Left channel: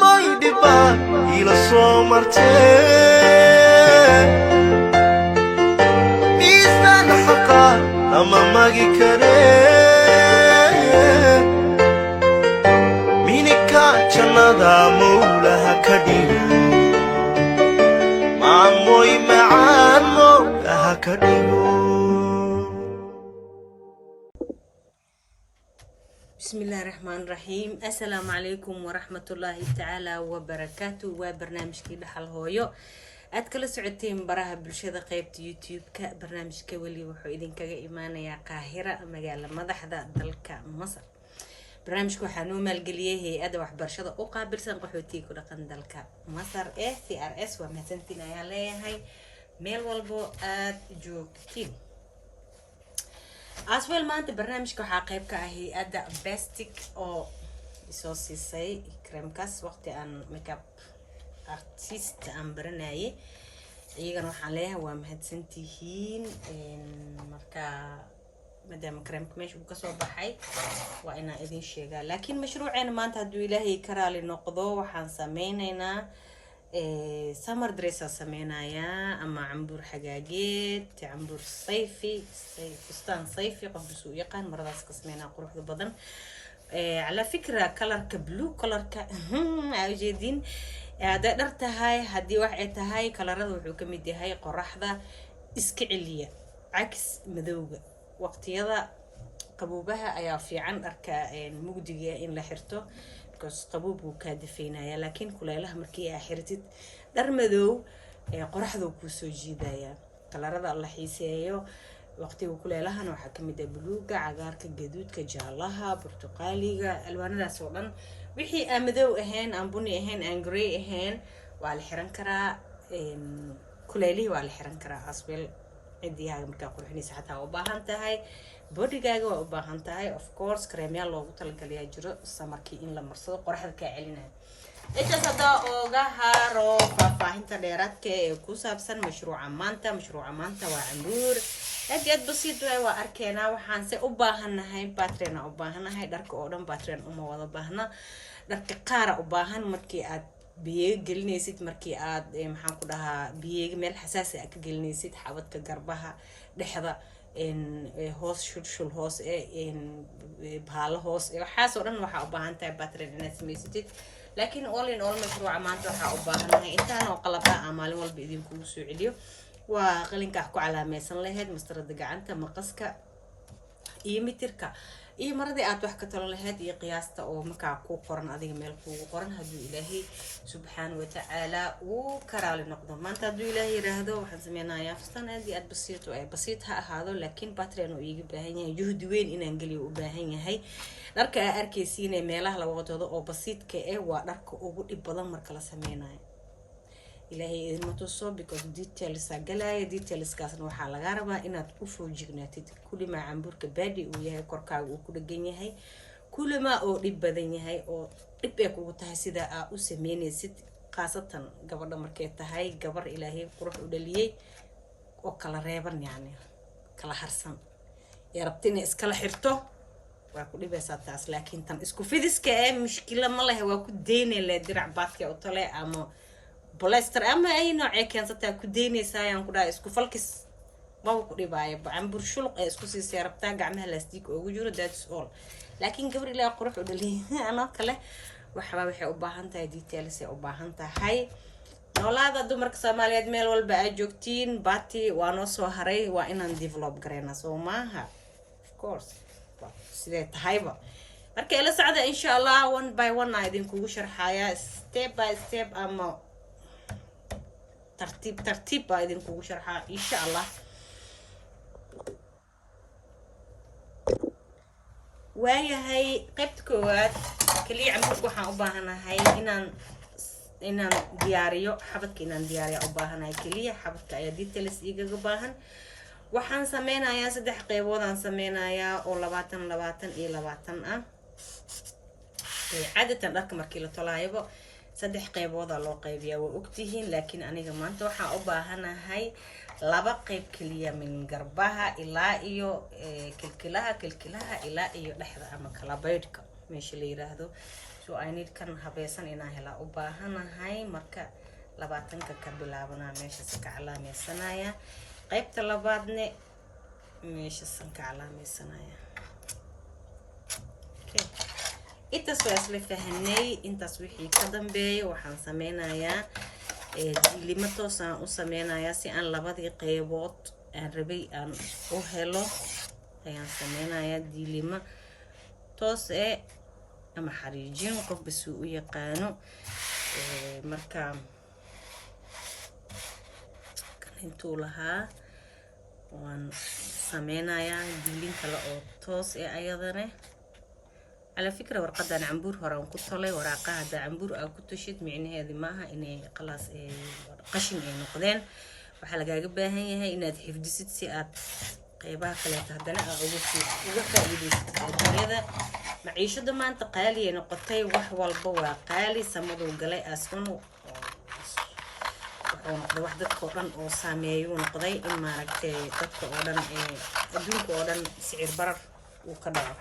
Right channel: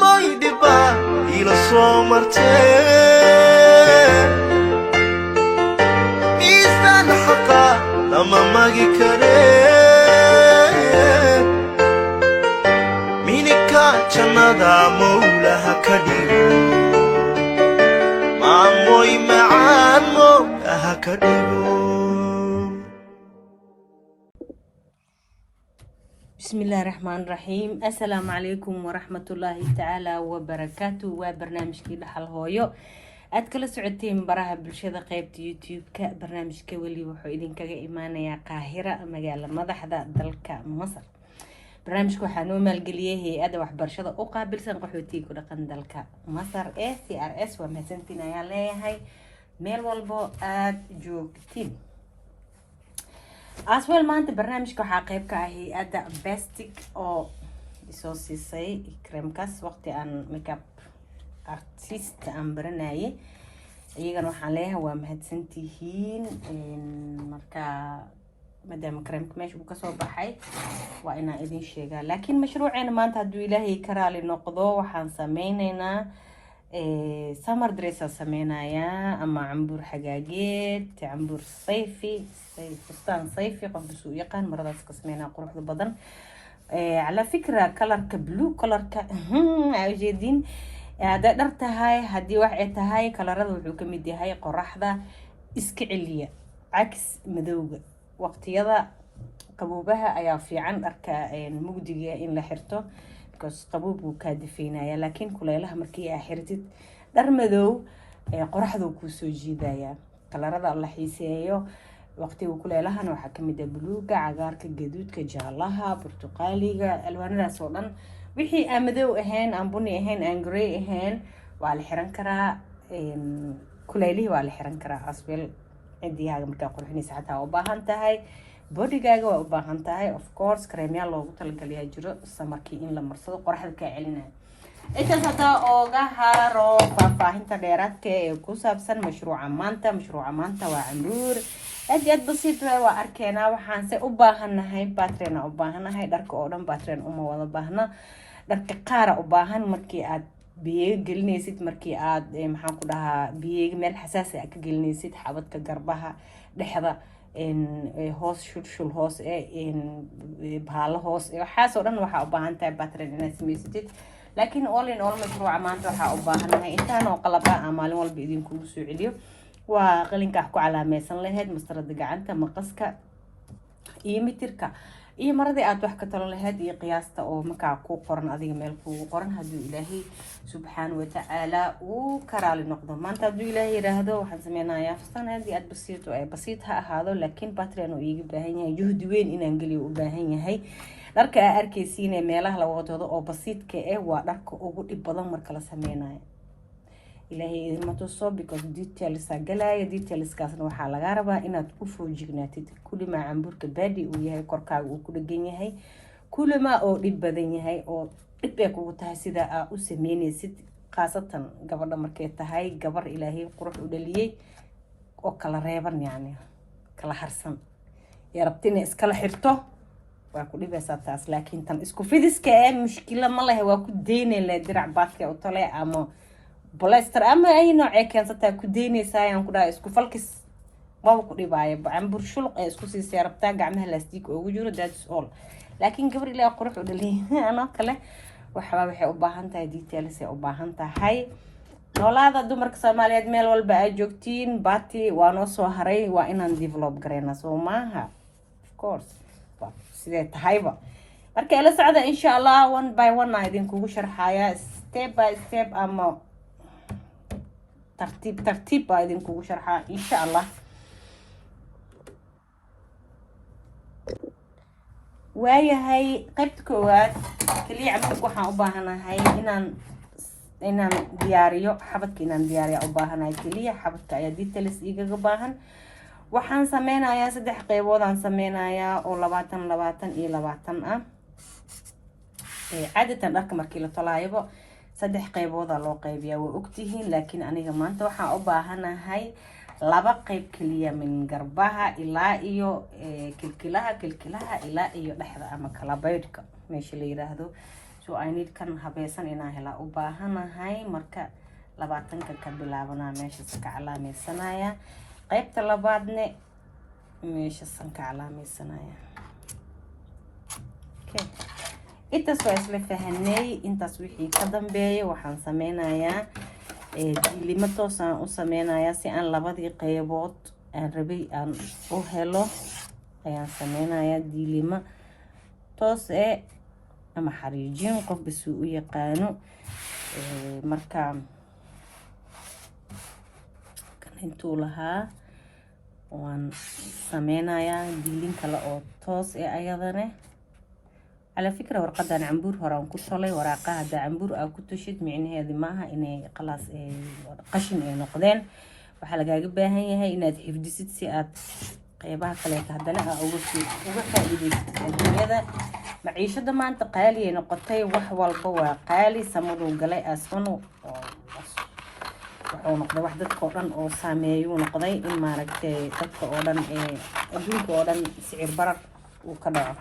moydiba ila soo martee miisaan xaqa lama magi karee minika jannada mawlaha ka dhigo maamoy macaan mawlaha ka dhigo. بسم الله الرحمن الرحيم. السلام عليكم ورحمة الله تعالى وبركاته. وبرنامج كده حل هويو أتكلم سعودين براها بالشدة قيبت يوتيوب كبرنامج كولي وحيدين كإيمانة يا قاهرة مجال ماذا حدا دلك مصر. برنامج كوحنو مالجليه هي أدوح برشدة أقابل سنقحوتي كل قندلك مصر CRS ومسنتنا يا ليه هاي ميل والبو جوكتين. أسوأ ما أنت برنامج كحقيب كهي أدا بستيك أو سوسيسي كريم كاس وقت أن ميك اب أرتيست أم برناي يجانو عليها ومهدسنتيهين مركا مدام كريم كماش بكسو بحي وأنا إذن شيء لكن مشروعنا ما أنت هدو إلهي كرالي نقضو وحان سمينينا سمر دريسة سمينايا أما عمبور حقاقيت عمبور صيفي فستان صيفي قبل سويقان مرضاس قسمينا قروح البدن على فكرة كلرك بلو كلرك عجيدين هذا درتهاي هدي وحيتهاي كلرد وحكمدي هاي قرحة إسكعلية عكس مذوق وقت يضع قبوبها أيا في عن أركا المقدية إن لحرته قبوب وكادفينايا لكن كلها مركي حرتت درمدو قرحدو كوسو جيدايا كلاردا الله حيسيايو وقتي وكلها نوحا كميدا بلوغا عقارك جدودك جالها برتقاليغا الوانadaas oo dhan wixii amadow ahayn aan buni ahayn aan gray ahayn waa la xiran karaa kuleelihi waa la xiran karaa asbel cidiyaaga marka qurxinaysa xataa u baahan tahay bodigaaga waa u baahan tahay of course creamya loogu talagaliyaa jiro samarkii in la marsado qoraxda ka celinaya intaas hada ooga haro faahfaahinta dheeraadka ee ku saabsan mashruuca maanta waa cambuur aad basiid waa arkeena waxaan se u baahanahay batrena u baahanahay dharka oo dhan batren uma wada baahna dharka qaara u baahan markii aad biyo gelinaysid markii aad maxaan ku dhahaa biyo meel xasaasi ah ka gelinaysid xabadka garbaha dhexda hoos shul hoos bahalo hoos waxaas oo dhan waxa u baahan tahay battery inaad samaysatid laakiin all in all mashruuca maanta waxa u baahanahay intaan oo qalaba maalin walba idin kugu soo celiyo waa qalinka ku calaamaysan lahayd mastarada gacanta maqaska iyo mitirka iyo maradii aad wax ka talo lahayd iyo qiyaasta oo markaa ku qoran adiga meel kugu qoran hadii ilaahay subxaanahu wa ta'ala uu karaali noqdo maanta hadii ilaahay yiraahdo waxaan sameynayaa fastan aad basiit ha ahaado laakiin battery uu iga baahan yahay juhdi weyn inaan galiyo u baahan yahay dharka arkaysiin ee meelaha la wadado oo basiitka waa dharka ugu dhib badan marka la sameynayo ilaahay idin tuso because details kaasna waxa laga rabaa inaad u foojignaatid kulima camburka baadi uu yahay korkaaga uu ku dhagan yahay kulima oo dhib badan yahay oo dhib ay kugu tahay sida aad u sameynaysid qaasatan gabadha markay tahay gabar ilaahay qurux u dhaliyay oo kala reeban yani kala harsan yarabtina iskala xirto waa ku dhibaysaa taas laakiin tan isku fidiska mushkila ma lahayn waa ku deynayna dirac baadka oo tale ama بلاستر أما أي نوع كانت تأكديني سايان كده إسكو فلكس ما بقولي باي عم برشلق إسكو سيارة بتاع عمها لاستيك وجوره that's all لكن قبل اللي أقرح ودلي أنا كله وحبايبي حباهن تاي ديتيلز حباهن تاي ولا هذا دو مركز مالي أدميل والبقى جوكتين باتي وانوسو هري وإنان ديفلوب غرينا سو ماها of course سيدة هايبا مركز إلا سعادة إن شاء الله one by one عايدين كوغو شرحايا step by step أما ترتيب بايدين كوغو شرحا إن شاء الله وهي هاي قيبت كواد كلي عمتك وحا أباهنا هاي إنان دياريو حبتك إنان دياريو أباهنا هاي كلي حبتك أيا ديتلس إيقا أباهن وحان سمينا يا سدح قيبودان سمينا يا أو لباتن عادة لك مركي لطلايبو saddex qaybood loo qaybiyaa way ogtihiin laakiin aniga maanta waxaan u baahanahay laba qayb kaliya min garbaha ilaa iyo kilkilaha ilaa iyo dhexda ama kala baydhka meesha la yiraahdo so I need kan habeesan inaan hela u baahanahay marka 20 ka bilaabana meesha ka calaamaysanaya qaybta labaadne meesha ka calaamaysanaya okay intaas waa isla fahanay intaas wixii ka dambeeyo waxaan sameynayaa diilimo toos aan u sameynayaa si aan labadii qaybood aan rabay aan u helo ayaan sameynayaa diilimo toos ama xariijin qof bas u yaqaano marka kan intuu lahaa waan sameynayaa diilin kale oo toos ayadana على فكرة ورقة أنا عمبور هران كتولي ورقة هذا عمبور أو كتشد معني هذه معها إني خلاص قشم نقدين وحلقة جبها هي إنها تحفظ ست ساعات قيبها خليتها دلها أو وقت هذا معيشة ده ما أنت قالي نقطي وحول قوة قالي سمو قلي أسفنو ونقضي وحدة قرن أو سامي ونقضي إما لك تدخل أولا أدوك أولا سعر برق وكذا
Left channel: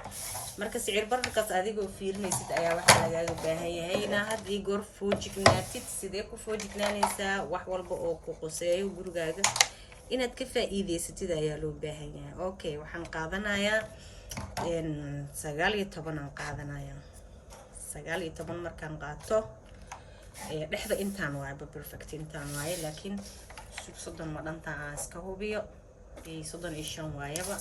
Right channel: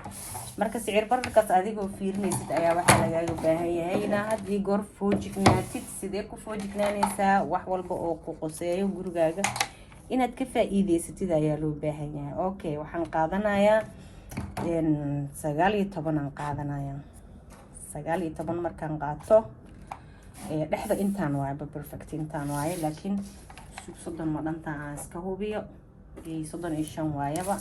marka sicir bararkaas adiga fiirinaysid ayaa waxa laga baahan yahay in aad goor foojignaatid sidee ku foojignaanaysaa wax walba oo ku qoseeyo gurigaaga inaad ka faa'iideysatid ayaa loo baahan yahay okay waxaan qaadanayaa 19 aan qaadanayaa 19 markaan qaato dhexda intaan waay perfect intaan waay laakiin soddon ma dhanta aan iska hubiyo 35 waayaba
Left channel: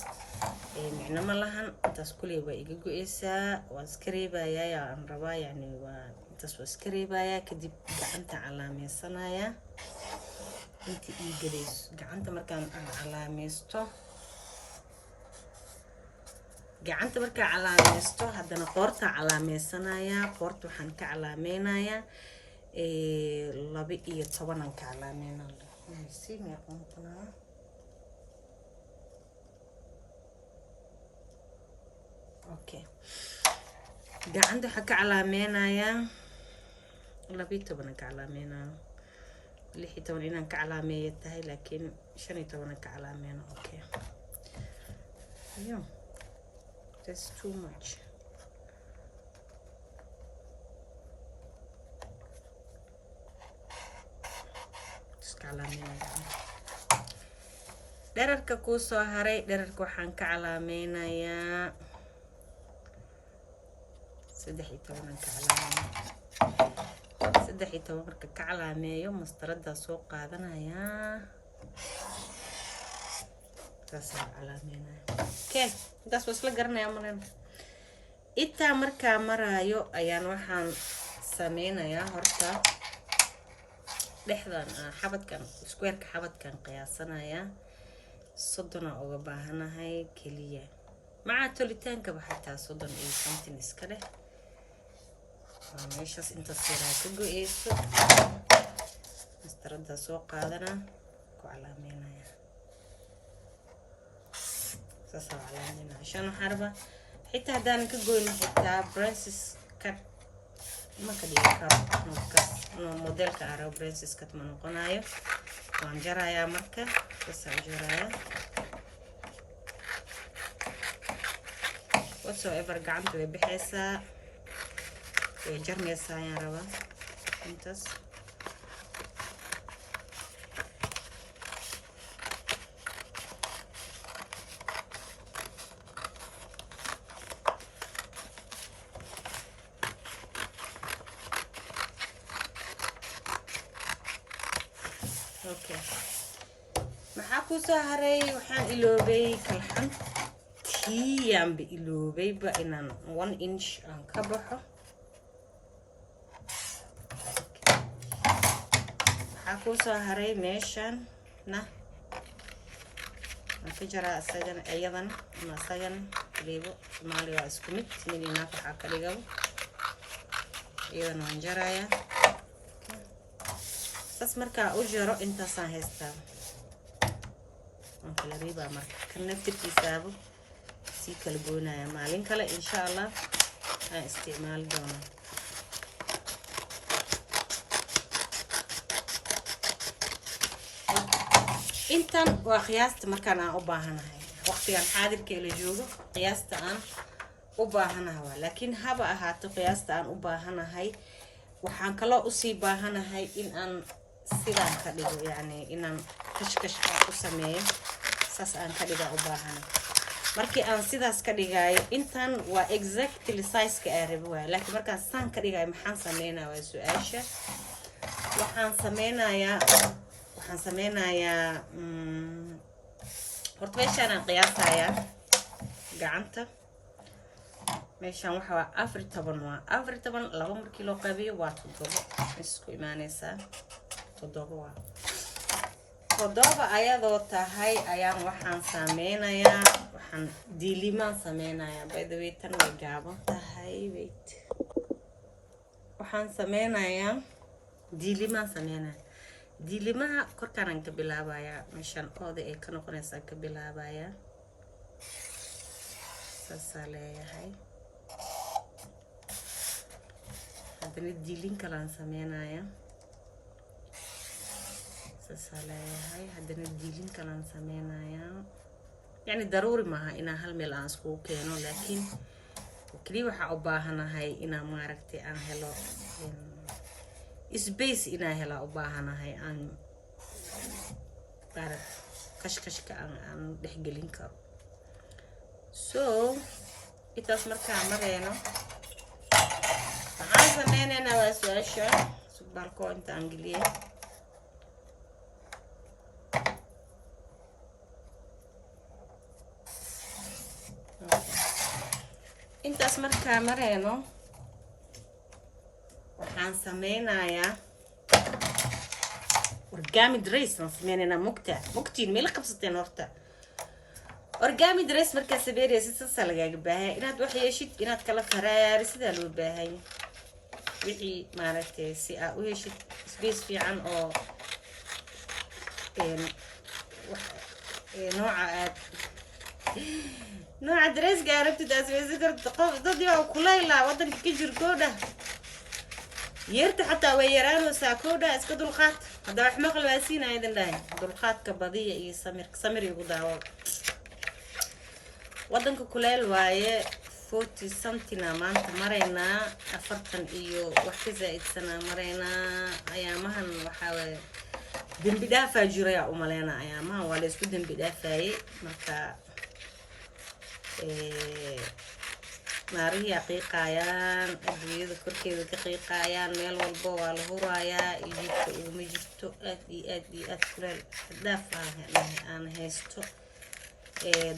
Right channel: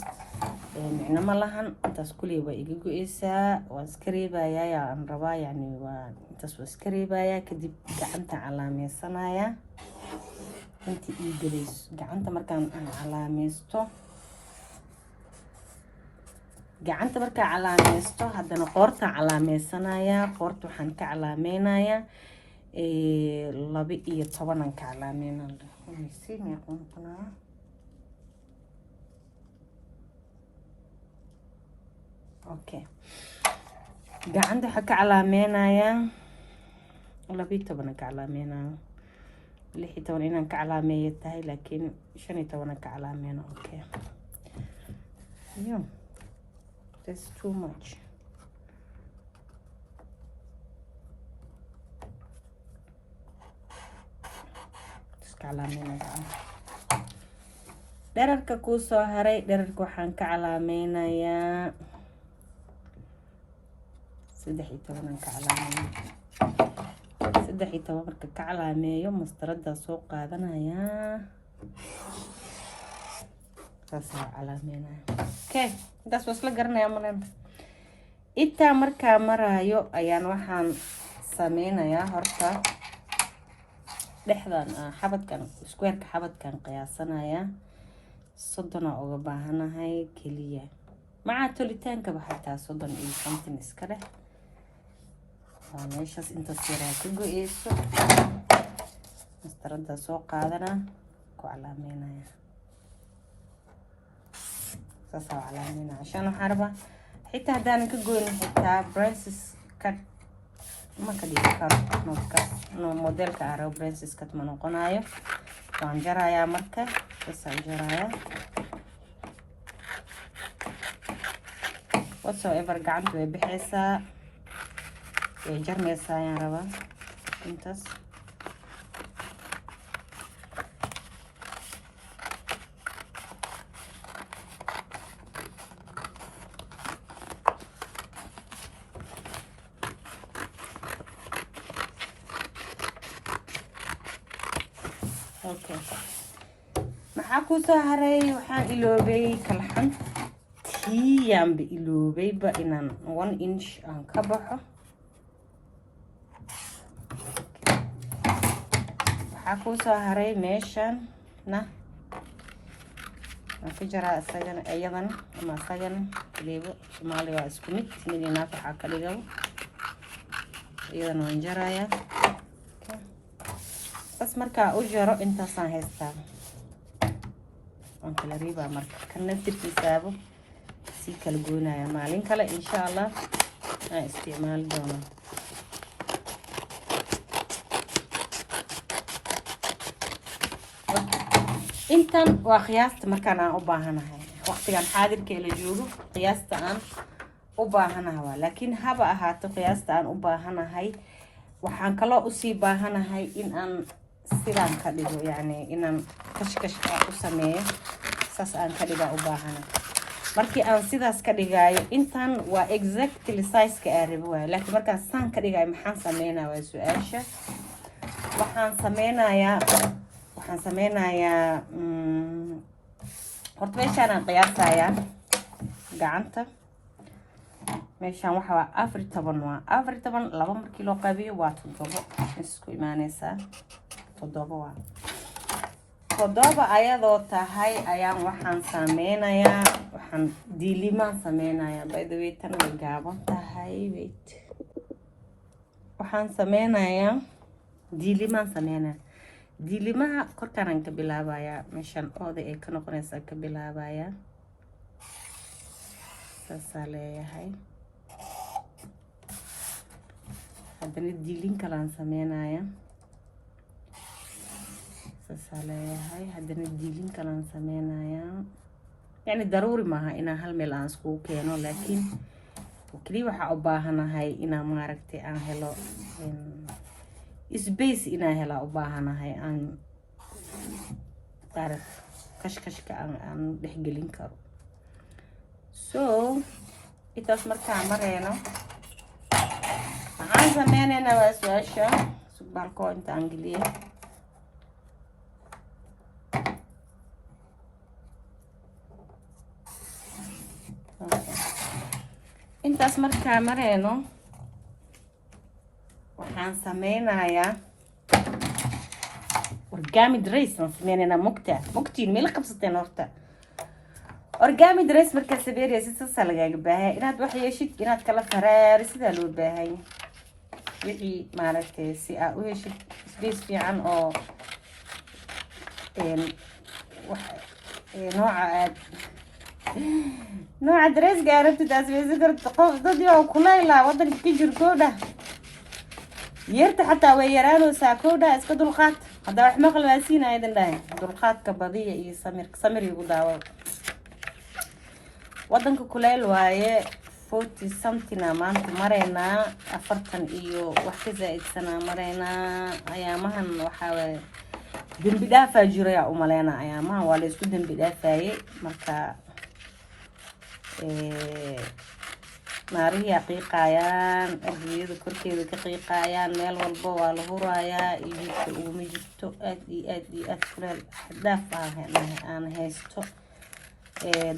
micna ma lahan intaas kuley waa iga go'aysaa waan iska reebayaa aan rabaa yani waa intaas waa iska reebayaa kadib gacanta calaamaysanaya inta ii galayso gacanta markaan calaamaysto haddana qoorta calaamaysanaya qoorta waxaan ka calaameynayaa 12 aan ka calaameynaya si meeqoonaa okay gacanta waxa ka calaameynaya 12 ka calaameynaya 16 inaan ka calaameeyo tahay laakiin 15 ka calaameyno okay yeah that's too much calaameynaya dherarka ku soo haray dherarka waxaan ka calaameynayaa 13 ka marka ka calaameeyo mastarada soo qaadanaya taas calaameynaya okay taas waa isla garanaya malan inta marka marayo ayaan waxaan sameynayaa horta dhexdan xabadkan square-ka xabadkan qiyaasanaya 30 uga baahanahay kaliya maca tolitaanka baxaytaa 30 iyo something iska leh meeshaas inta siraa ku go'ayso mastarada soo qaadana ku calaameynaya saas calaameynaya عشان waxaan rabaa xitaa hadaan ka go'in xitaa branches cut ma ka dhigi karo no modelka aro branches cut ma noqonayo waan jarayaa marka saan jarayaa whatsoever gacanta way bixaysaa way jarmaysaa ayaan rabaa intaas okay maxaa ku soo haray waxaan iloobay kalxan yaan iloobay ba inaan 1 inch aan ka baxo waxaa ku soo haray meeshan na aan ka jaraa isagana ayadan ama isagana leebo Soomaaliga isku mid midina waxa ka dhigo iyadan waan jarayaa sas marka u jaro intaasaan haystaa aan kala riibaa marka kan naftirkiisaabo si kala goynaya maalin kale insha Allah aan isticmaal doonaa intan waa qiyaasta markaan aan u baahanahay waqtigan xaadirka la joogo qiyaasta aan u baahanahay laakiin haba ahaato qiyaasta aan u baahanahay waxaan kala u sii baahanahay in aan sidaan ka dhigo yani inaan kashkash u sameeyo saas aan ka dhigaa u baahanahay markii aan sidaas ka dhigayo intan waa exactly size-ka aan rabo waayo laakiin markaan saan ka dhigayo maxaan sameynayaa waa su'aasha waxaan sameynayaa horta meeshaan aan qiyaasayaa gacanta meeshaan waxa waa 14 waa 14 laba markii loo qabiyo waa 7 isku imaanaysaa 7 waa 7 ayadoo tahay ayaan waxaan sameynayaa waxaan diilimaan sameynayaa by the way tan way gaaban tahay wait waxaan sameynayaa diilimaan sameynayaa diilimaha korkaan ka bilaabayaa meeshaan ooda ee ka noqonaysa ka bilaabayaa saas leeyahay haddana diilin kalaan sameynayaa saas leeyahay haddana diilin kalaan sameynayaa yani daruuri maaha inaan hal meel aan iskugu keeno laakiin kaliya waxaa u baahanahay inaan maaragtay aan helo space inaan hela u baahanahay aan kashkashka aan dhexgelin karo so intaas markaan mareyno waxaan sameynaynaa waa su-aasha subbaalkoo inta aan geliyo intaas markaan mareyno waxaan sameynayaa origami dress aan sameynaynaa mugtiin meel qabsateen horta origami dress markaa sameynaysid sasa lagaaga baahaya inaad wax yeeshid inaad kala faraari sidaa loo baahanya wixii maaragtay si aad u heshid space fiican oo nooca dresska aad rabtid aad sameysan karto qof dadii waa kuleylaa wadanka ka jir koodha yeerta xataa way yaraanaysaa koodha iska dulqaad hadda wax maqal baa siinaya idin dhahay dulqaadka badiya iyo samir igu daawo wadanka kuleyl waaye 40 something maanta mareynaa 40 iyo wax ka zaa'idsanaa mareynaa ayaamahan waxaa waaye dembi dhaafaa jiraya u maleynaa ayaamahan waa la isku dembi dhaafaye marka naarihi qiiqayaan adduunyada korkeeda ka qiiqayaan meel walba waa la hurayaa iibka uguma jirto aad kuleel dhaaf aan haysto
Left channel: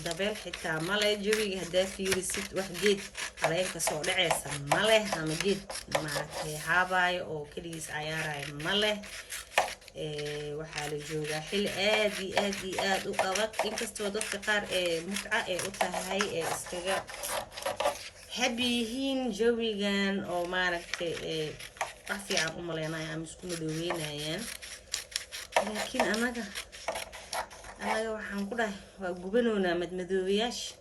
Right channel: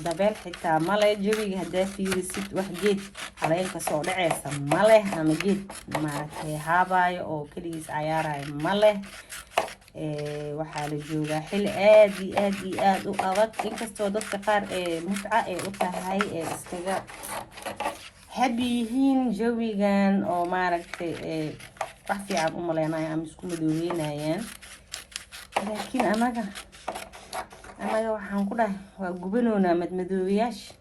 dabeel xitaa male jawiga haddaa fiirisid wax geed caleenka soo dhaceysa male ama geed maaragtay haabaayo oo keligiis cayaarayo male waxaa la joogaa xil aad u adag inkastoo dadka qaar mutca ay u tahay iskaga habi yihiin jawigan oo maaragtay wax fiican u maleynayo ama isku madoobeynayaan laakiin anaga waxaan ku dhahay waa gubanoonaa madmadoobayaasha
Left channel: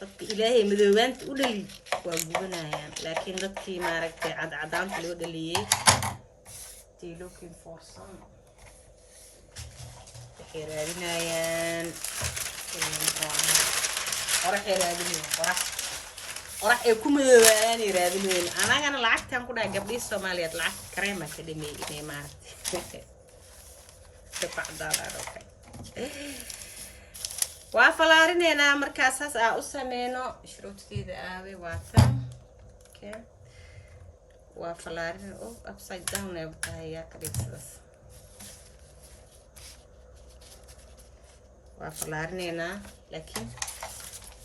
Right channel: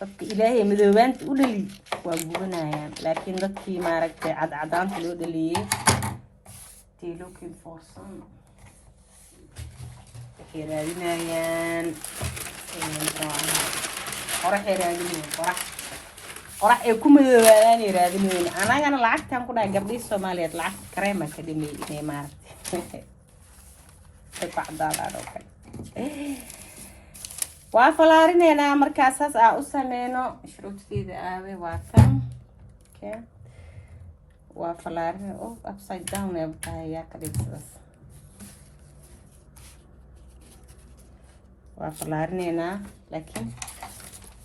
dadka ilaahay madoobaanta u dhali waa gubanayaan laakiin dadkii maaragtay cadcadaanta loo dhaliyey looking for some waxay raadinayaan qorax ay ku madoobaayaan raadinayaan anagana lacagtaan ku dhahay gabdhihii Soomaaliyeed lacag kareema ka dhimay inay maaragtay waa falaarinayna markaas saas aan u sameyno shuruudkeeda aawe waa tan okay waa falaarin upside down ee tahay yaa ka dhigsadas waa falaarinayna laakiin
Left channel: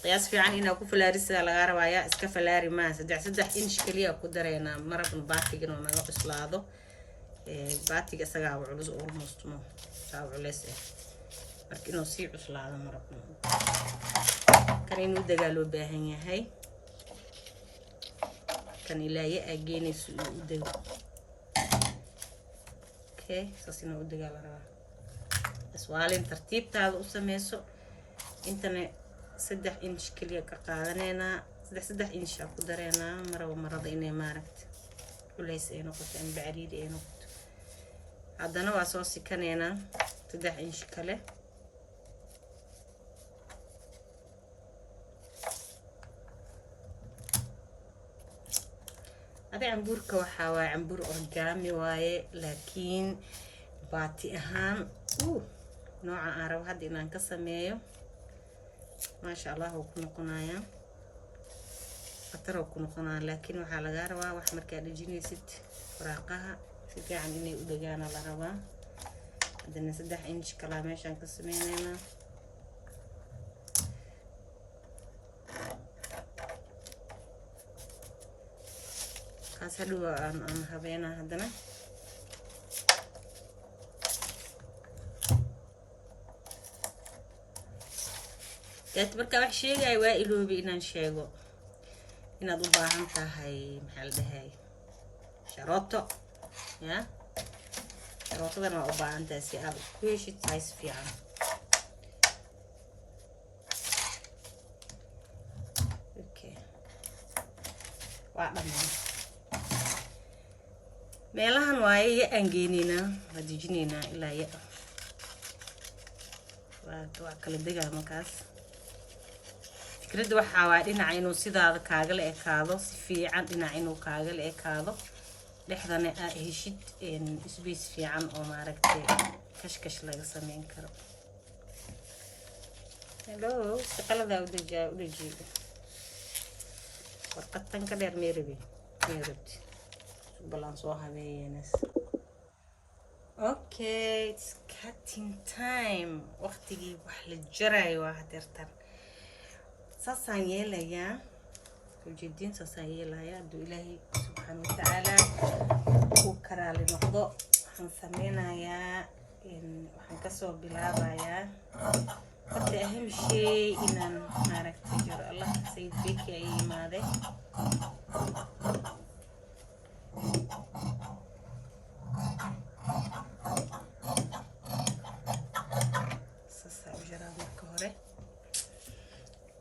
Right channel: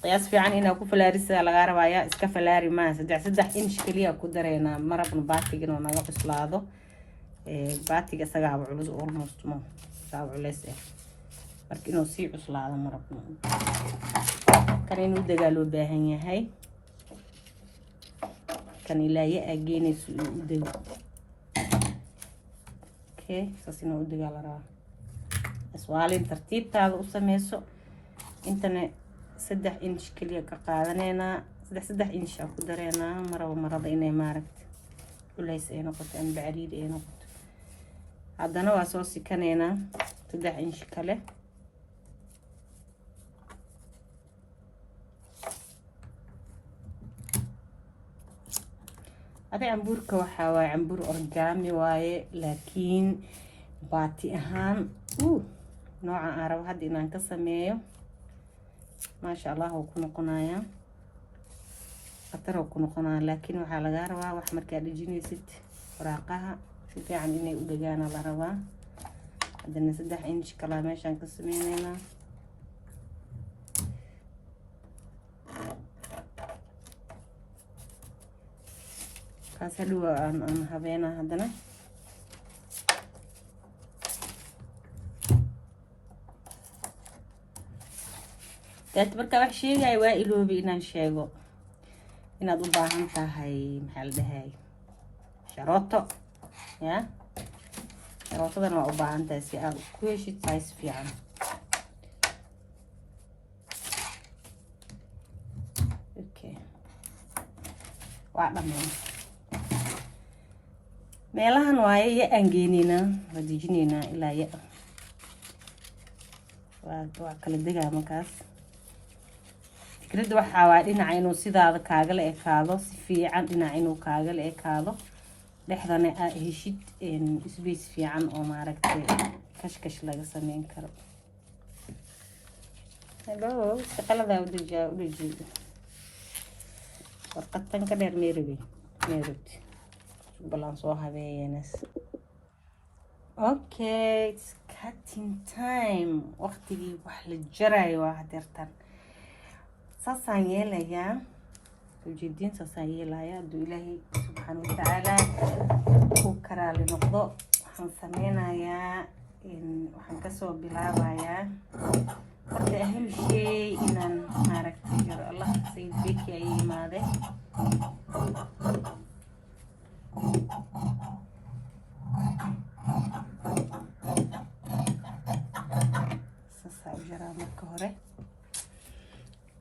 qiyaas fiican inaa ku falaarisa laga rabaya iska falaari ma 3 inch kaliya ku dareena marabna baatigan oo naga cuslaado baatiga isaga culus almost ma saa culus marka inuu sii cuslaado marabna kan inuu dagaalo baahan yahay kan ilaahay ageynayso u dago okay saasina u dagaal raba aswaalin tartiibtaada u sameyso intana 3 inch kaliya ka qaadanayna 3 inch aan ku dareena marada inay maaragtay culays ay noqoto aan bacariid ay noqoto haddana waa soo sikanayna 3 inch kale هذا عمبور كوحة عمبور أورجامي واي لكن باتي أهان نوع عرب هاد إن انقسميه ما شاء الله هو كنا قنايا قطر وكنا قنايا لكن وحال غارما وحمر كان يجيني ست وراقها في عندنا ودجانا لربا عندنا 3 إنش كلاميش انقسمينينا كاسلو أن هبينا هذنا marka wax sheegay waa iloobi inaan sheego inaad u baahan tahay maxal dhahay sharooto ya sharootada ma u baahan tahay si aad ku heshid size fiican okay waa dhammaan meelahan waaye ya aangeynina radijinina ilaa ya waa kala degaa markaas fikrada waxa waa dhinaca inuu sidaada kaaga la ekaado si fiican dhinaca inuu kaaga la ekaado dhexdana aad heshid space fiican oo maaragtay kashkash laga sameyn karo hello shaqalada u dhigi warqadtan ka dheer meeridi balance soo habeeyenas okay it's cutting time waqtigii wax la jaray waa hadeertan ساسان يلايا وجدين ساسان يلايا دو إلهي سبحانه وتعالى وكرا لنقضو حنسمينا يا وحنكسو بلابا يا وقت أهم شيء إن نارك تجر الله سيد بك يا إيماده ساسا وجرا مكهوري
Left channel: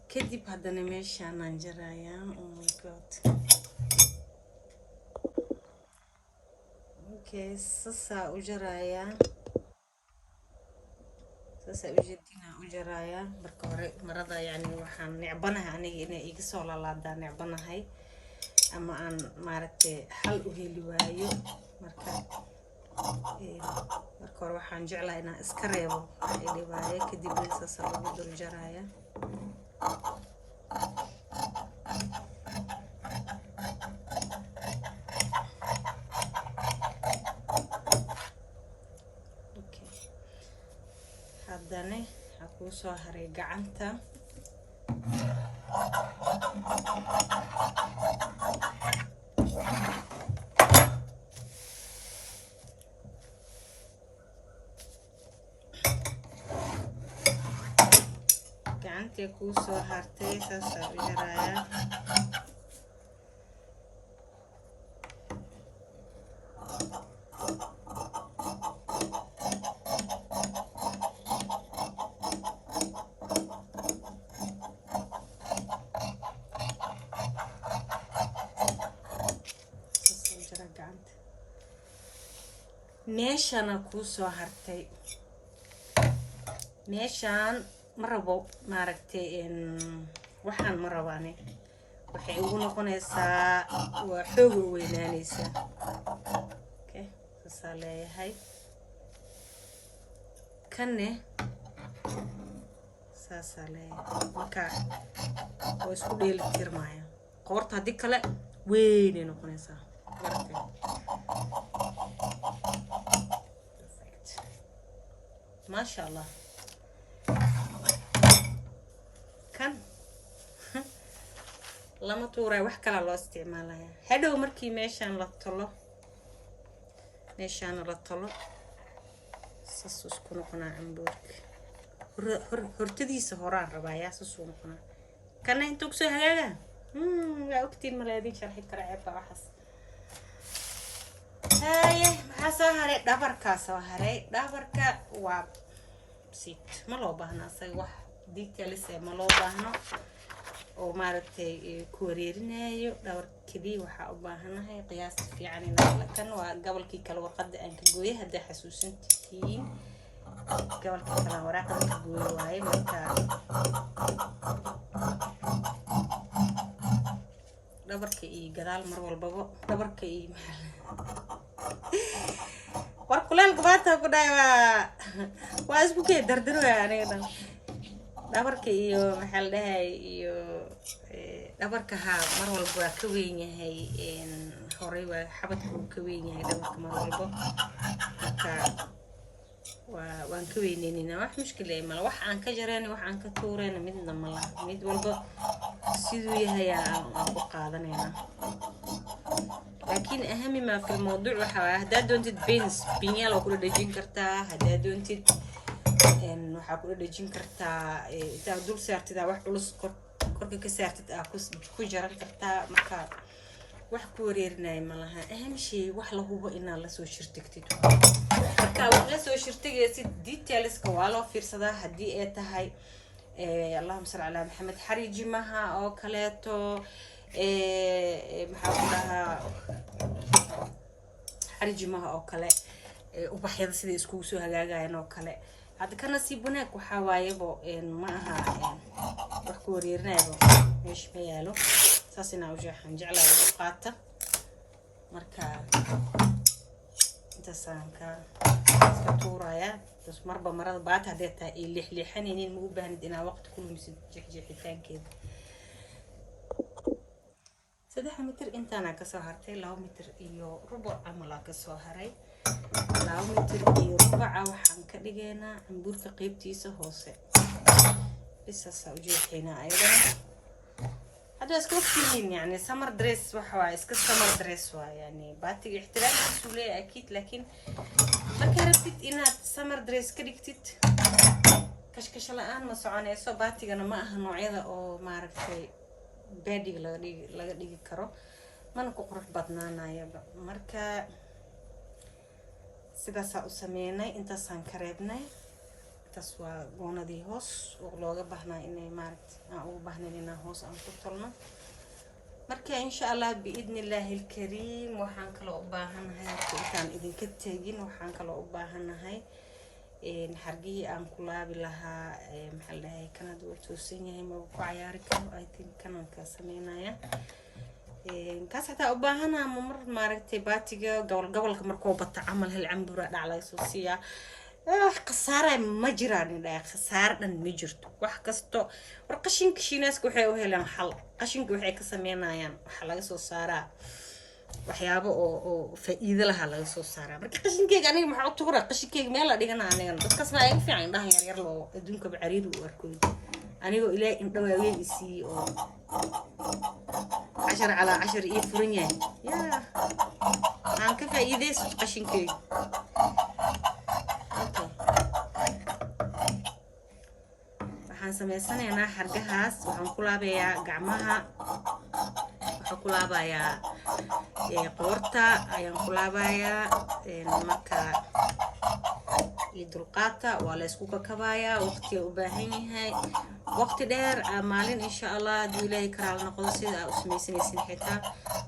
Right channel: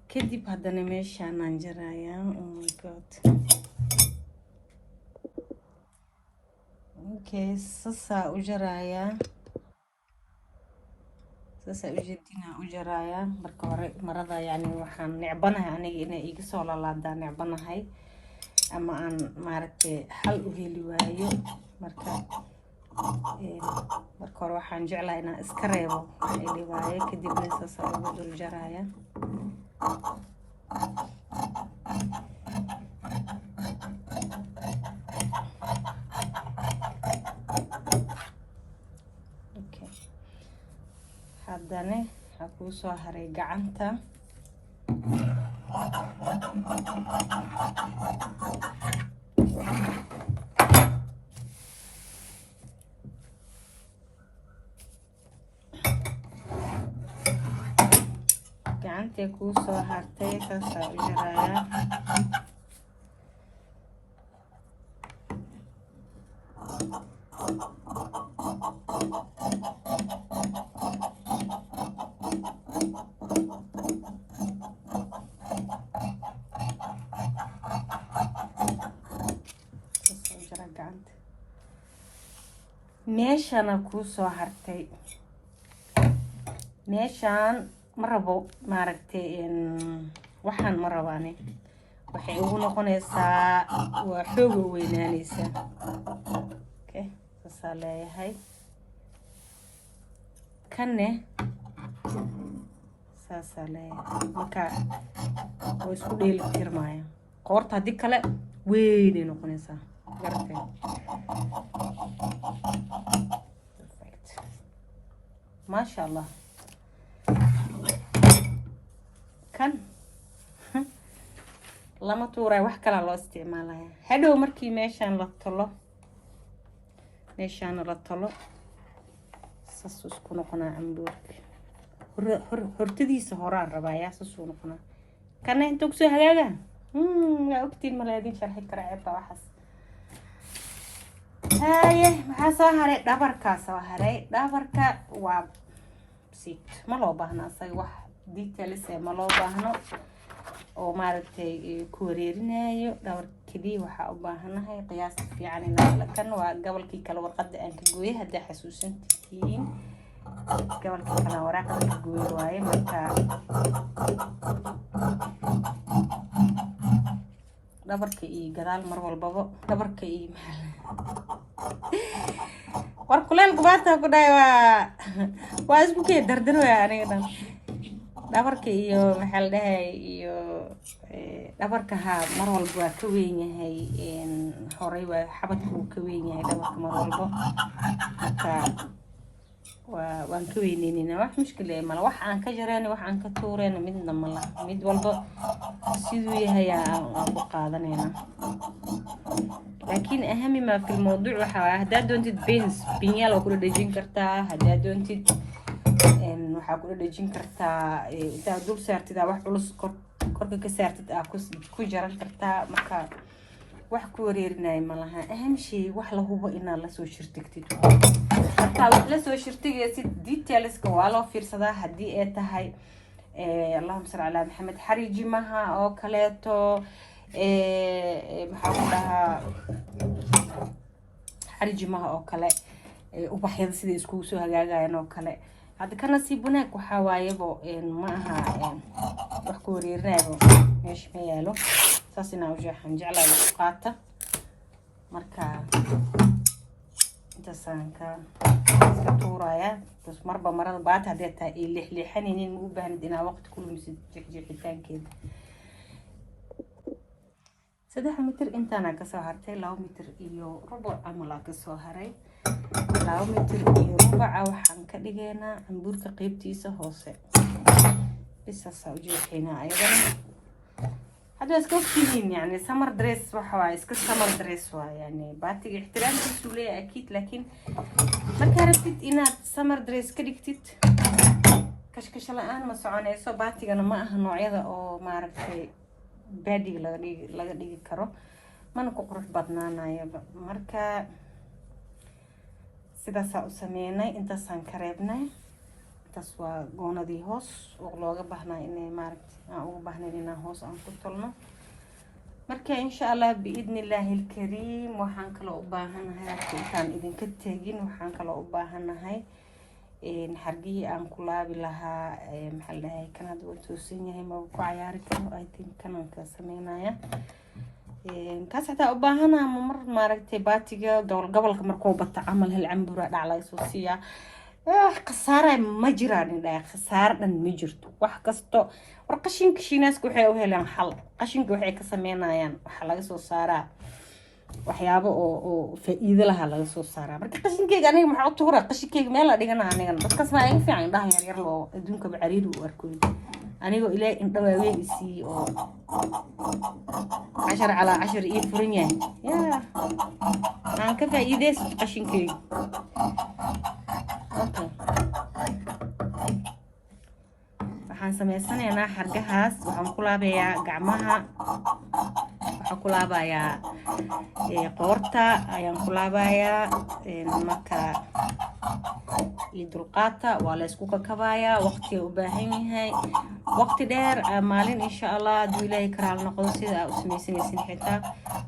كدي بهذا ماشي أنا نجرايا oh my god okay ساسا وجرايا ساسا لجدينا وجرايا بركوري مرضى يعني وحن نعبنها أنا إنا إيجسول الله دا نعبنها هاي أما أن ماركة حل وهلي واي بركور وحن جعلها إنا إسكريبو إلي واي كدي بساسا وجرايا haddana waxaa kuu soo haray gacanta gacanta kuu soo hartay saasa u jaraya meeshana kuu soo hartay meeshan marabo maaragtay waxaan marabaane waxay ugu noqonaysaa waa xoog weynaanaysa okay sasa leeyahay kanne sasa leeyahay marka way isku dheeli tirmaya qoorta haddii kale weynay noqonaysaa perfect maasha allah kan lama tuuray wax kala loo isticmaalaya hadhow markii meeshaan la tolo sas isku noqonaa cambuurka hortadiisa horaan rabaa yaa sas u noqonaa kana inta ku soo hagaaga yaa ogtiin malaadin sharxi kara ceebka waxaas haye maxaa soo haray dhabarkaa soo haray dhabarka waa sit ma loo baahna asaga wax details ma loo baahno oo maaragtay ku wareerinayo dhawr kaliya waxa u baahanahay qiyaas fiican in la kan waa gobolkii kala warqada aan ka gooyay hadda xasuusantiin gobolkii kala warqada ka gooyay waaye dhabarka iyo gadaal mar walbaba dhabarka iyo war kuleel gabaata ku dhaay waa isku kee dardar way aniga dhabarka iyo maxaa la dhahay iyo dhabarka mar walba waa ka weyn yahay horey waa xabadku ka weyn yahay dhabarka mar walba marka waan ka weyneenina wax mushkil ah mala wax aan ka jarayna wax aan ka tuurayna midna mala mid walba sidoo yahay aan ku qaadanayna laakiin ahami ma fi mawduuc waxa hadaa doontid binyal oo ku dhajin kartaa hadaa doontid waxa ku dhajin kartaa inta dul saartida wax culus korka ka saartid ku jaran kartaa marka wax ku wareerinay malaha aham shay wax la hubo inaad la soo shirtigtid marka wax la soo shirtigaysid detailska waa loo fiirsadaa haddii ay tahay allahumma salli ala maxamed xariijimaha oo kaleeto maxaa dhahaa xariijimaha oo kale ubaxyada sida isku soo hagaagayaan oo kale hadda ka nasiib wanaag waxa waayabo ma aha wax ku wareerinayo meesha ma yaalo saas inaan waxaan jeclahay u qaata marka intasanka iska tuuraya bas marba marada baad hadee taa ay lixlixanaynin u baahnid inaa waqti ku lumisid jixjixitaankeeda 3 mitir intaana ka soo hartay 2 mitir iyo rubuc amal ka soo haray 2 mitir iyo rubuc waxaan ka dhigaynaa cambuurka qaybtiisa hoose bisasa u jeexinaa aydan هذا اسكت كلين يعني سمر دريس وحوا اسكت سمر دريس يعني بعطي احترام كسولي اكيد لكن ما كرفتت إن سمر دريس كريكتت كشكش الآن مسعونيسو بعطي أنا ما هالنوعية أو ما أعرف شيء بادي لغدي كرو ما نقرر بدنانا يا مركا سباسة أسمينا أنت سانكربنا تسوى قونا دي هوس وغلوغا بحنا إني مارت أو بحنا لنا هوس أم كتلنا مركا إن شاء الله بإذن الله الكريم وحانك لو أباهن هاي كان إذن كتاجين وحانك لو أباهن هاي نحرقيه أم كلابي لها محلها هاي كانت وتوسيني هاي موقع عياري كانوا أيتين كانوا كسمينا يا كاس حتى أباهنا ممر مارتي باتيجا قبل كمركو بتعمل هالعنبرة على يسوسيا خسارة ما جراني لا خسارة مجرت واحد كستو ورقشين كشيناس كوحي وهلا حل قشين كوحي كسمينا يعني وحلا سو سارة وحيابه أو في إيد لها لا سو سارة مركي قشين كيك أنا محط ورا قشين كيك مالا دينا أنا بس كسمع إن في عين ده يرلو دونك بعريد وأركوي أنا يقول إلى إن طبعا يسي 10 على 10 إيه فرنيا يا عن كيف إيديس قشين كيك waxaan sameysanaynaa xargahaas waxaan ku laabayaa gacmaha waxaan ku laabayaa qoorta ayaan ku laabayaa marka dulqaata waa la isku kakabayaa waqti u baahan yahay waqti dheer maalin insha Allah hadii ilaahay karaal noqdo sida u sameysanaysay xitaa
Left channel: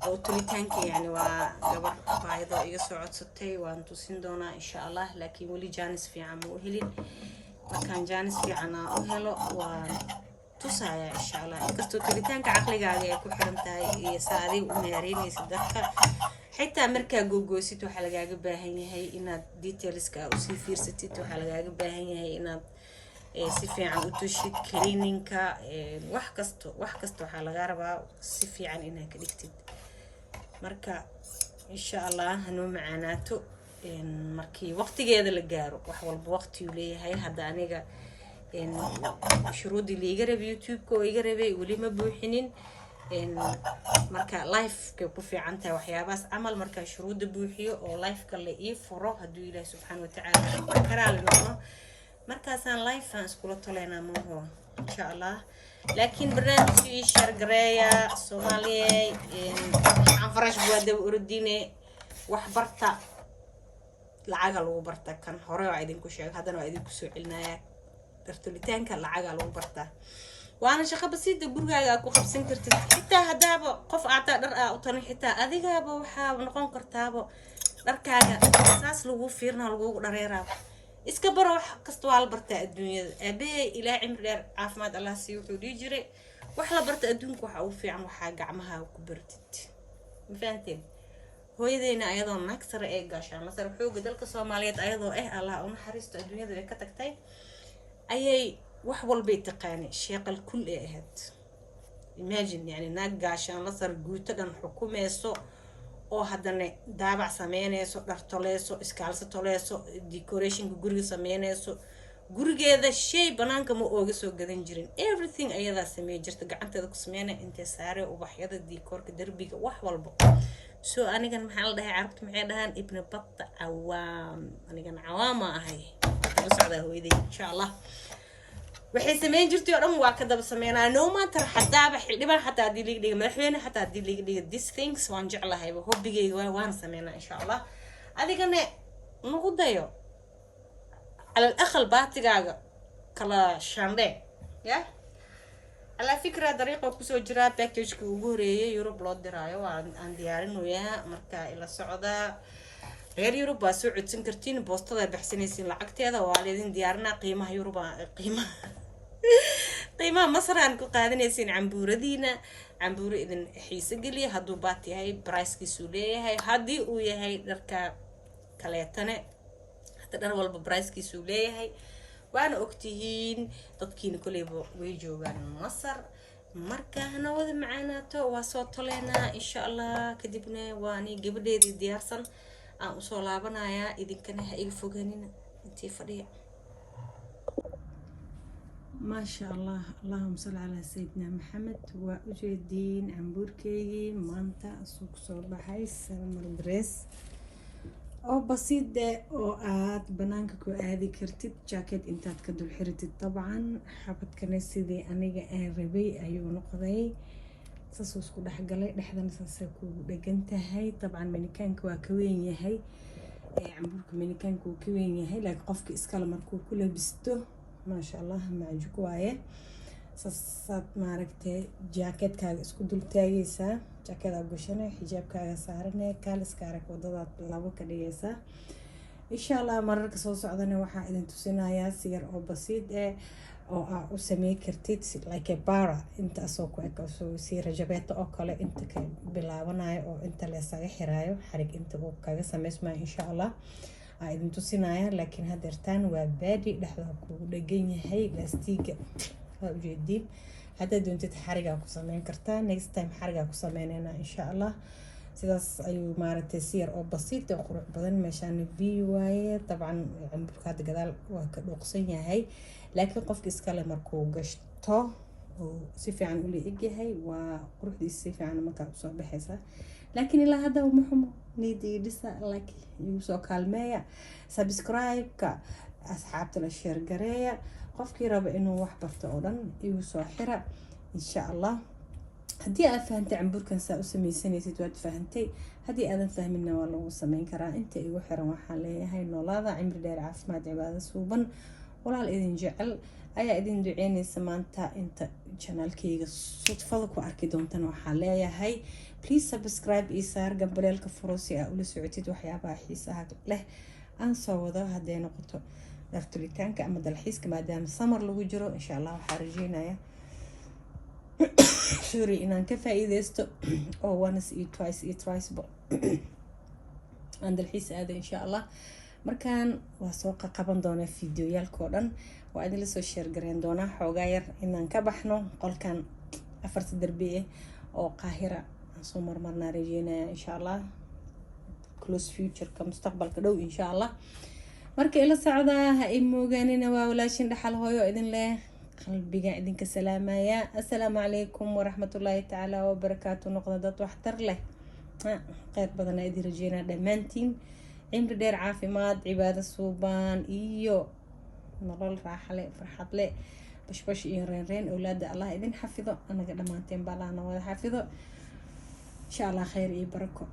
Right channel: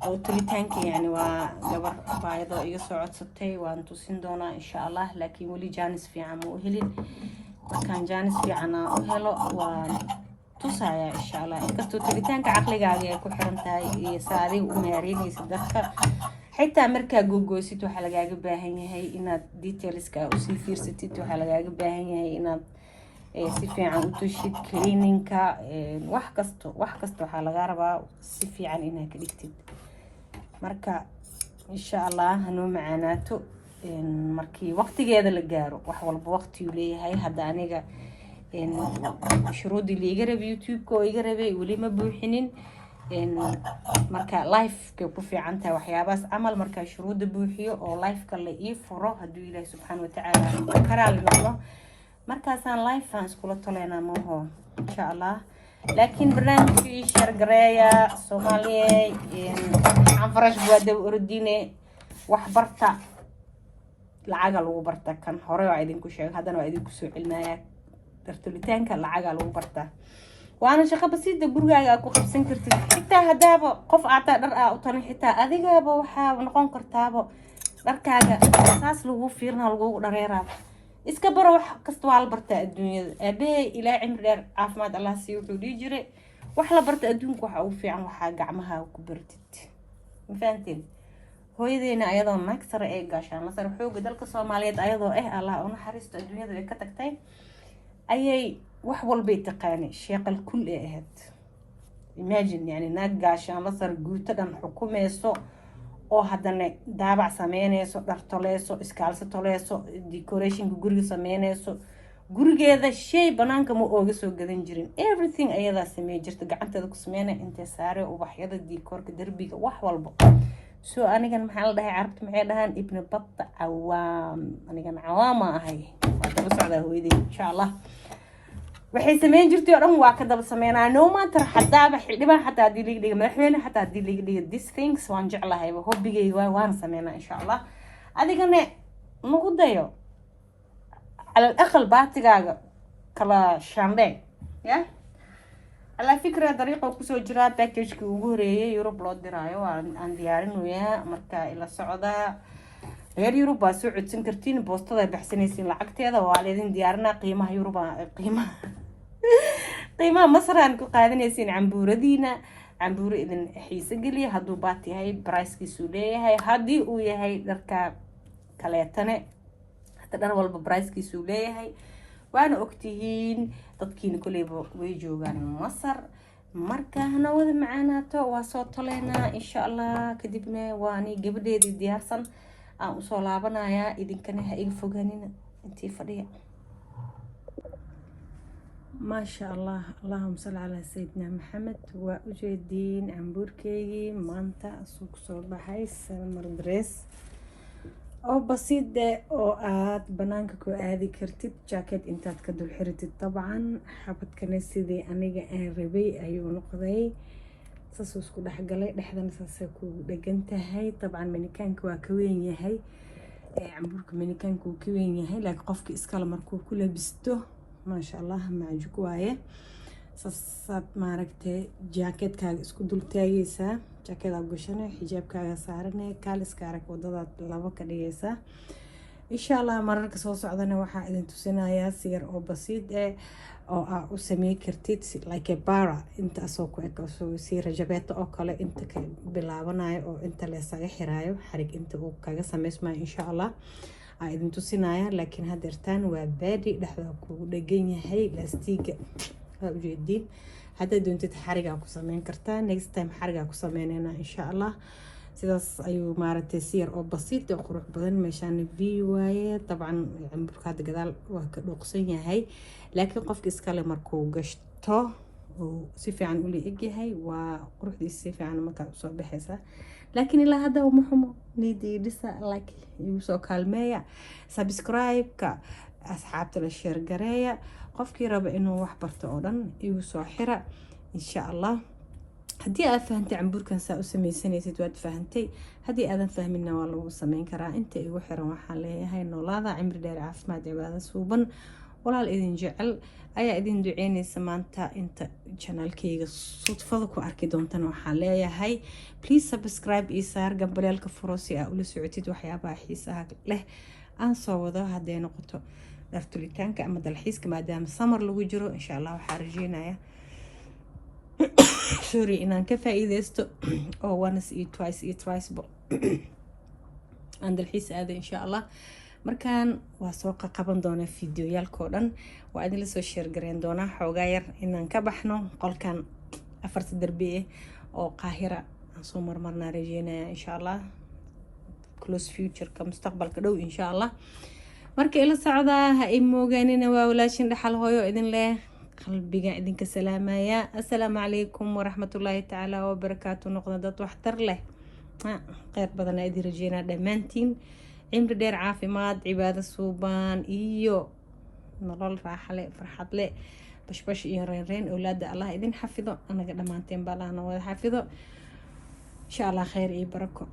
oo tulitaanka yani waa gabar baayado iga soo codsatay waan tusin doonaa insha Allah laakiin wali jaanis fiican u helin كان جانس في عنا هلو وتصايا إن شاء الله كستو تلتان كعقلي قاعدة كل حرمتها يساري ونارين يصدقها حتى أمريكا جوجو سيتو حلقة جباهني هي إن ديتيلز كأوسي فير سيتو حلقة جباهني هي إن سيفي عن وتشي كلينينج كا وحكستو حلقة ربع سيفي عن إنها كليكتد مركا إن شاء الله هنو معناته markii waqtigeeda la gaaro wax walba waqti uu leeyahay hadda aniga shuruudii liiga rabay youtube-ka oo iga rabay weli ma buuxinin marka live-ka ku fiican tahay waxyaabaas camal marka shuruuda buuxiyo oo live-ka la ii furo hadduu ilaahay subxaana watacaala karaal noqdo markaasaan live-aan iskula toleynaa maaho insha allah laakiin barnaamijkii shargareeya soomaaliya aan farash buwaada ordine wax barta lacaga lagu barta kan hore waa idinku sheegay haddana waa idinku soo celinaya dartulitaanka lacaga lagu barta waana shaqo basiida gurigaaga ku qabsan kartid xitaa hadaaba qof aata dhar u tarin xitaa adigaaba waxa noqon kartaaba dharkaaga saas lagu fiirna lagu dhareeraa iska baro wax kasta waa la bartaa adduunyada aabee ilaa cimri dheer caafimaad Allah siiyo wuxuu dhigi jiray wax la barta adduunka waxa ugu fiican waxaa gacmaha ku bartid ma fahanteen hooyadeena ayadoo naag sare ee gaashaan masar xooga dalka Soomaaliyeed ayadoo Allah u naxariisto adduunyada ay ka tagtay ayay wax walba taqaanay sheeqal kul ee ahayd imagine yani naag gaashaan masar guuta dhan xukumayso oo haddana daabac sameynayso dhar toleyso iskaalso toleyso decorationka guriga sameynayso gurigeeda shay banaanka ma ooga soo gadan jirin everything ayadaa sameey jirta gacanteeda ku sameynay intee saare ubaxyada decorka darbiga wax walba soo anigan maxaa la dhahay carabta maxay dhahaan ibn batta awaam anigan awaama ahay waa la socdaa hooyadii insha Allah waxay sameyn jirtay oo dhan waa ka daba sameynaa no matter hadaaba xildhibaan xataa hadii liga dhiga madaxweyne xataa hadii liga dhiga these things waan jeclahay hobbigayga waan sameynaa insha Allah adigana nagu dayo الأخل باتجاج كلا شاندين يا على فكرة طريقة كوسو جرا باكيج كوجوري يوروب لود درايو عن ديارين ويا مركا إلى السعودة غير يوروبا سعود سنكرتين بوسطة بحسن يسين لعقتي هذا والدين ديارنا قيمة يوروبا قيمة مصر أنكو قاعدين يسين عمبوردينا عمبور إذن حيس قلي هادو باتي هاي برايس كيسولي هاي هادي ويا هاي دركا كليتنا dar walba price-kiisu leeyahay waana ogtihiin dadkiina kuleyba way joogaan Masar marka hana wada macaanaato waa soo toleynaa insha Allah kadibna waani gabadheedii diyaarsan aan u soo laabanayaa idinkana ha iga fogaanina intii fadhiya ما شاء الله اللهم صل على سيدنا محمد وأجدين عمبوركي مانتا سوق صباحي سمر دريس oo basiid oo aad banaanka ku aadi kartid jacket intaad ka dul xiritid dabcan xabadkana sidii aniga aan rabay ayuu noqday saas isku dhaxgalay dhexdana saas ku dhagan tahay dabcan manikaanka waa ka weyn yahay camburka manikaanka uu ka weyn yahay laakiin qofka iskala markuu ku labisto ma sha Allah maajuk waaye saad maaragtay jacketkaaga isku dul taagaysaa jaakada gashana xijaabkaaga saarane kaaliskaaga wadada laba ka dhigaysaa insha Allah mararka soo socdana waxaa idin tusinayaa siyar oo basiid oo u sameey kartid like a bara inta soo ku soo si rajabeeto oo kale inta ka bilaabanayo oo inta la isaga xiraayo xarig inta uu kaga sameysmaa insha Allah ay idin tusinayaa laakiin hadeertaan waa baadi dhexda ku dhagan yahay laastiga ujeedin hadda doontid xariga ku sameyn kartaa next time xariga ku sameynayna insha Allah sidaas ayuu maaragtay siyar oo basiid oo qurux badan meeshaan view waaye dabcan camburka gadaal waa ka dhuuqsan yahay laakiin qofka iska le markuu gashto oo si fiican u leeyahay yahay waa quruxdiisa si fiican marka soo baxaysa laakiin ilaa hadda uma xumo niidii dhisa like igu soo kaalmeeya subscribe-ka asxaabta la share gareeya qofkii raba inuu wax barto oo dhan igu soo xira insha Allah haddii aad fahantay camburkan saa u sameysanaysid waad fahantay haddii aadan fahminna waa lagu sameyn karaa inta igu xiran waxaan leeyahay noolaada cimri dheer caafimaad cibaado suuban walaal idin jecel ayaa idin duceynaysa maanta inta channelkayga sudfada ku arki doontan waxaan leeyahay please subscribe iyo saar gambaleelka furo si aad ula socotid waxyaabaha xiisaha leh aan soo wado hadday noqoto dartulitaanka ama dalxiiska maadaama summer lagu jiro insha Allah waxaan rajeynayaa sorry inaan ka faa'iideysto oo once iyo twice aan dalxiis aado insha Allah markaan waa soo qaban doonaa fiidiyoyaalkoo dhan waa idin la soo share gareyn doonaa xoogaa yar inaan ka baxno qolkan afarta darbi oo qaahira aan soo marmarnaa rajeynayaa insha Allah close future ka mustaqbalka dhow insha Allah marka ila socdaa ha imoogaanina waa walaashin dhaxal hooyo idin leh qalbiga idinka salaamaya assalaamu calaykum waraxmatullaahi tacaala wabarakaatu noqda dad waxtar leh khayr badan idin rajeynaa dhammaantiin cimri dheer caafimaad cibaado suuban iyo nolol raaxo leh farxad leh bashbash iyo reyn awlaada Allah idin xafido anaga dhamaanteen baa Allah wada xafido insha Allah khayr iyo barako